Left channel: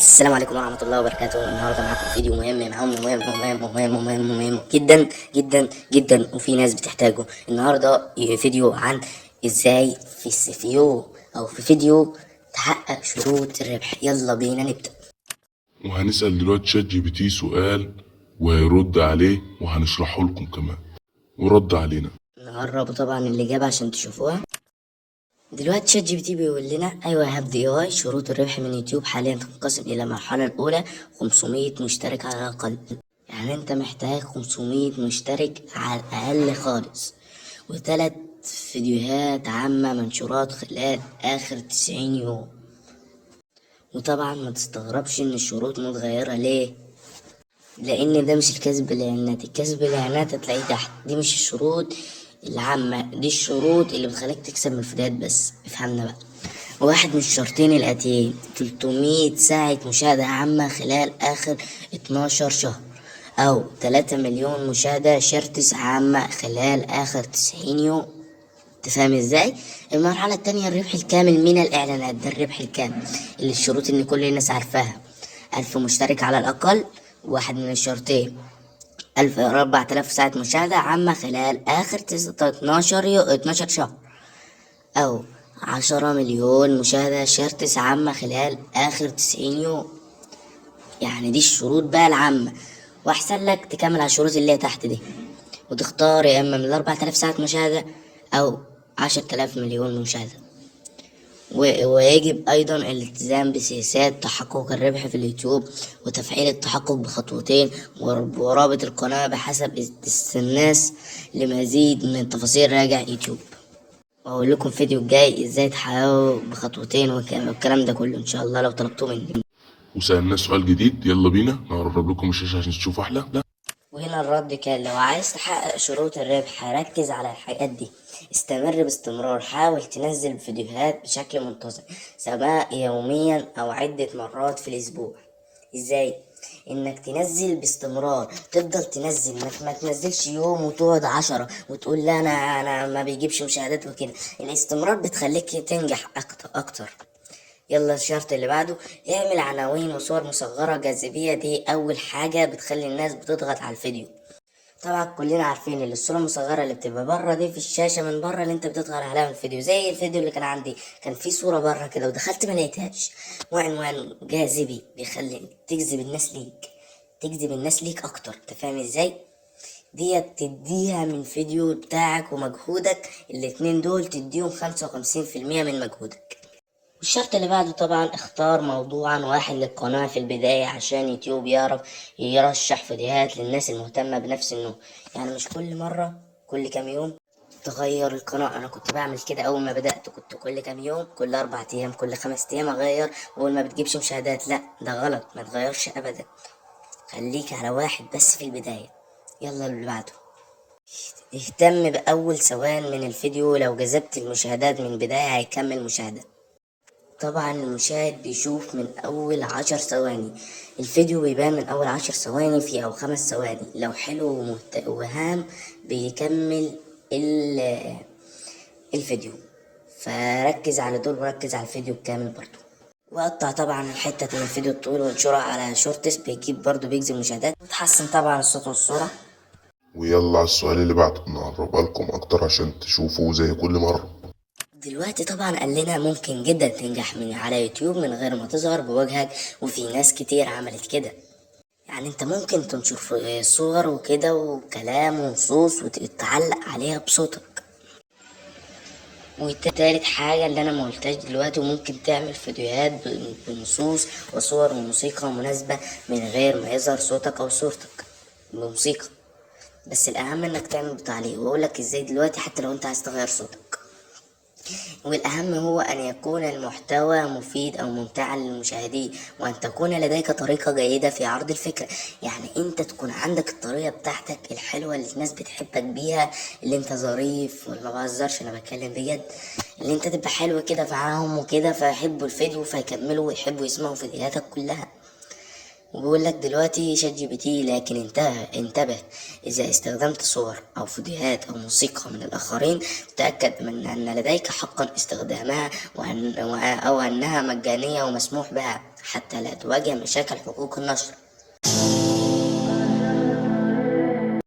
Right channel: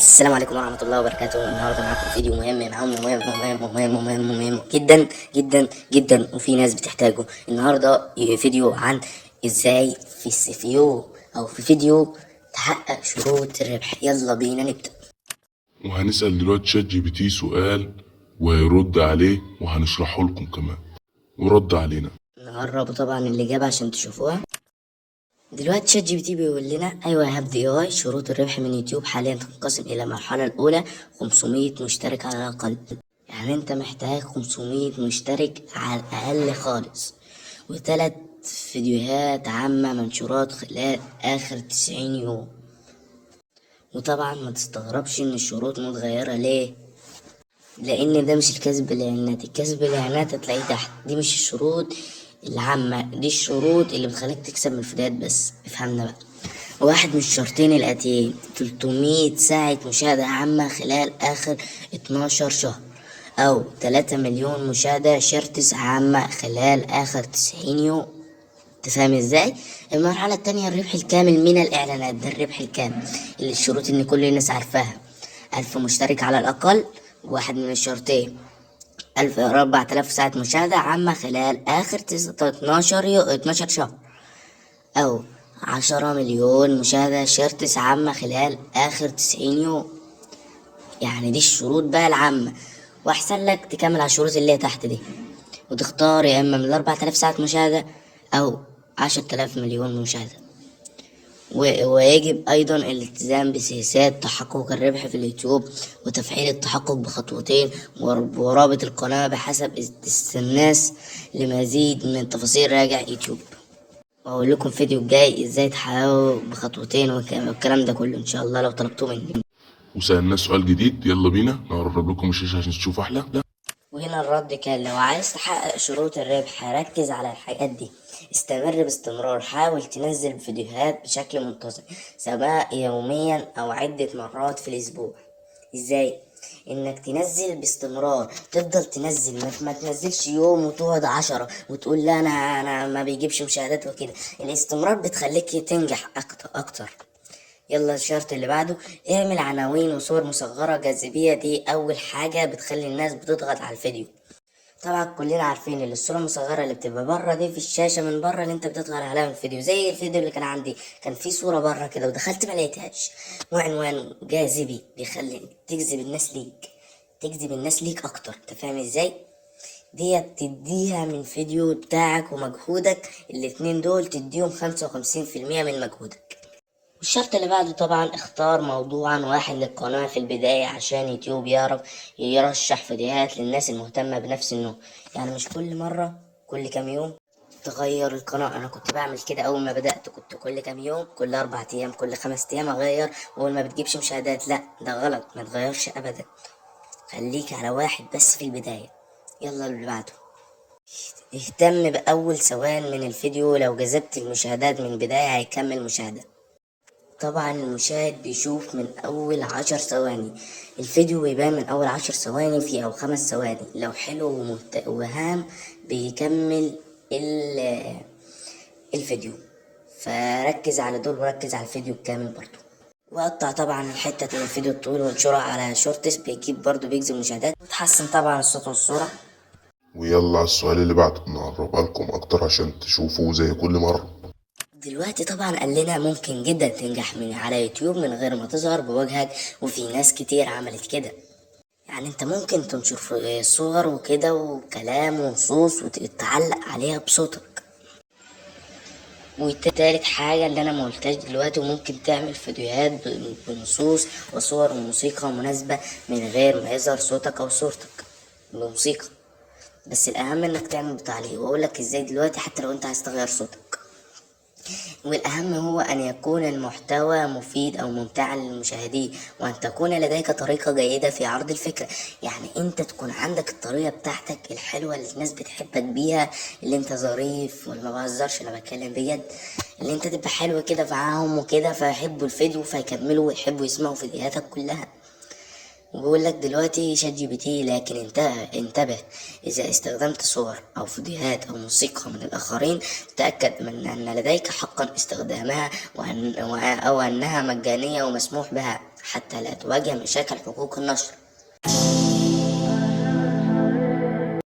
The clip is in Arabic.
السلام عليكم ورحمة الله وبركاته. النهاردة معاكم فيديو مهم جدا جدا جدا، وفي ناس بتحتاجه. النهاردة فيديو عن ازاي في السي او في فيديو تحقق شروط الربح. يلا بينا نبدأ. وهنسأل دلوقتي شات جي بي تي سؤال وهيرد عليه وهنشرحه لكم كمان ورد علينا. نقرب طبعا الإجابة عشان تشوفوها. دلوقتي شات جي بي تي بيقول لنا ايوه هاف دي اي شروط الربح من يوتيوب حاليا تنقسم الى المرحله الاولى 500 مشترك على الاقل. يعني انت محتاج 500 مشترك على الاقل خالص، وثلاث فيديوهات عامه منشورات خلال اخر 90 يوم. وطبعا ما تستغربش ان الشروط متغيره ليه، لان ده مش الكسب بالاعلانات. الكسب بالاعلانات هتلاقيه تحت، دي مش الشروط العامة، دي الشروط اللي بتخليك تكسب من الفيديوهات بس. افهمنا بقى. واحد من الشرطين الآتيين: 300 ساعة مشاهدة عامة خلال آخر 12 شهر، أو 3 مليون مشاهدة شرطس عامة خلال آخر 90 يوم. تفهم ازاي؟ المرحلة التانية الربح الكامل من الإعلانات. ده الربح الكامل اللي الشروط إن كل الناس عارفاها: 1000 مشترك على الأقل، واحد من الشرطين 4000 ساعة مشاهدة عامة خلال آخر 12 شهر، أو 10 مليون مشاهدة شرطس عامة خلال آخر 90 يوم. يعني دي الشروط بقى العامة. وأحسن لك تكمل على الشروط اللي هي تحت دي، وتختار يا إما من 4000 ساعة مشاهدة أو 10,000 مليون مشاهدة. ويجب أيضا الالتزام بسياسات تحقق الربح في اليوتيوب، وتفعيل التحقق بخطوتين، ورابط القناة بحسب الناس. لمزيد من التفاصيل راجع يوتيوب. وأقول لكم فيديو الجاي ازاي تحققوا بخطوتين والكلام ده كله ان شاء الله لو طلبتوه مني. وسألناه سؤال جديد، يلا بينا نقرب لكم الشاشة عشان تشوفوا أحلى. وهنا الرد كان: لو عايز تحقق شروط الربح ركز على الحاجات دي. استمر باستمرار، حاول تنزل فيديوهات بشكل منتظم، سواء يوميا او عدة مرات في الاسبوع. ازاي؟ انك تنزل باستمرار، تفضل تنزل، ما تنزلش يوم وتقعد 10 وتقول لا انا ما بيجيبش مشاهدات وكده. الاستمرار بتخليك تنجح اكتر. يلا الشرط اللي بعده: اعمل عناوين وصور مصغرة جاذبية. دي أول حاجة بتخلي الناس بتضغط على الفيديو. طبعا كلنا عارفين ان الصورة المصغرة اللي بتبقى بره دي في الشاشة من بره اللي انت بتضغط عليها من الفيديو، زي الفيديو اللي كان عندي كان في صورة بره كده ودخلت ما لقيتهاش. وعنوان جاذبي بيخلي تجذب الناس ليك، تجذب الناس ليك اكتر. انت فاهم ازاي؟ ديت تديها من فيديو بتاعك ومجهودك، الاتنين دول تديهم 55% من مجهودك. والشرط اللي بعده طبعا: اختار موضوعا واحد للقناة في البداية عشان يوتيوب يعرف يرشح فيديوهات للناس المهتمة بنفس النوع. يعني مش كل مرة كل كام يوم تغير القناة. أنا كنت بعمل كده أول ما بدأت، كنت كل كام يوم، كل 4 أيام، كل 5 أيام أغير، وأول ما بتجيبش مشاهدات. لأ، ده غلط، ما تغيرش أبدا. خليك على واحد بس في البداية. يلا اللي بعده: اهتم بأول ثوان من الفيديو، لو جذبت المشاهدات من البداية هيكمل مشاهدة. طبعا المشاهد بيشوف من أول 10 ثواني، الفيديو بيبان من أول 10 ثواني في أو 5 ثواني. لو حلو وهام بيكمل الفيديو. فركز على دول وركز على الفيديو الكامل برضو. وقطع طبعا الحتة من الفيديو الطويل وانشرها على شورتس، بيجيب برضو بيجذب مشاهدات، وتحسن طبعا الصوت والصورة. ويلا على السؤال اللي بعده نقربها لكم أكتر عشان تشوفوا زي كل مرة. دلوقتي طبعا قال لنا ممكن جدا تنجح من على يوتيوب من غير ما تظهر بوجهك، وفي ناس كتير عملت كده. يعني انت ممكن تنشر صور وكده وكلام ونصوص وتعلق عليها بصوتك. وتالت حاجة اللي انا ما قلتهاش دلوقتي: وممكن تعمل فيديوهات بنصوص وصور وموسيقى مناسبة من غير ما يظهر صوتك او صورتك بموسيقى. بس الاهم انك تعمل بتعليق، واقولك ازاي دلوقتي حتى لو انت عايز تغير صوتك. والأهم هو أن يكون المحتوى مفيد أو ممتعا للمشاهدين، وأن تكون لديك طريقة جيدة في عرض الفكرة. يعني أنت تكون عندك الطريقة بتاعتك الحلوة اللي الناس بتحبك بيها، اللي أنت ظريف، ولا بهزرش أنا بتكلم بجد، اللي أنت تبقى حلو كده معاهم وكده فيحبوا الفيديو فيكملوا ويحبوا يسمعوا فيديوهاتك كلها. وبيقول لك دلوقتي شات جي بي تي، لكن انتبه، إذا استخدمت صور أو فيديوهات أو موسيقى من الآخرين تأكد من أن لديك حقا استخدامها، أو أنها مجانية ومسموح بها حتى لا تواجه مشاكل حقوق النشر.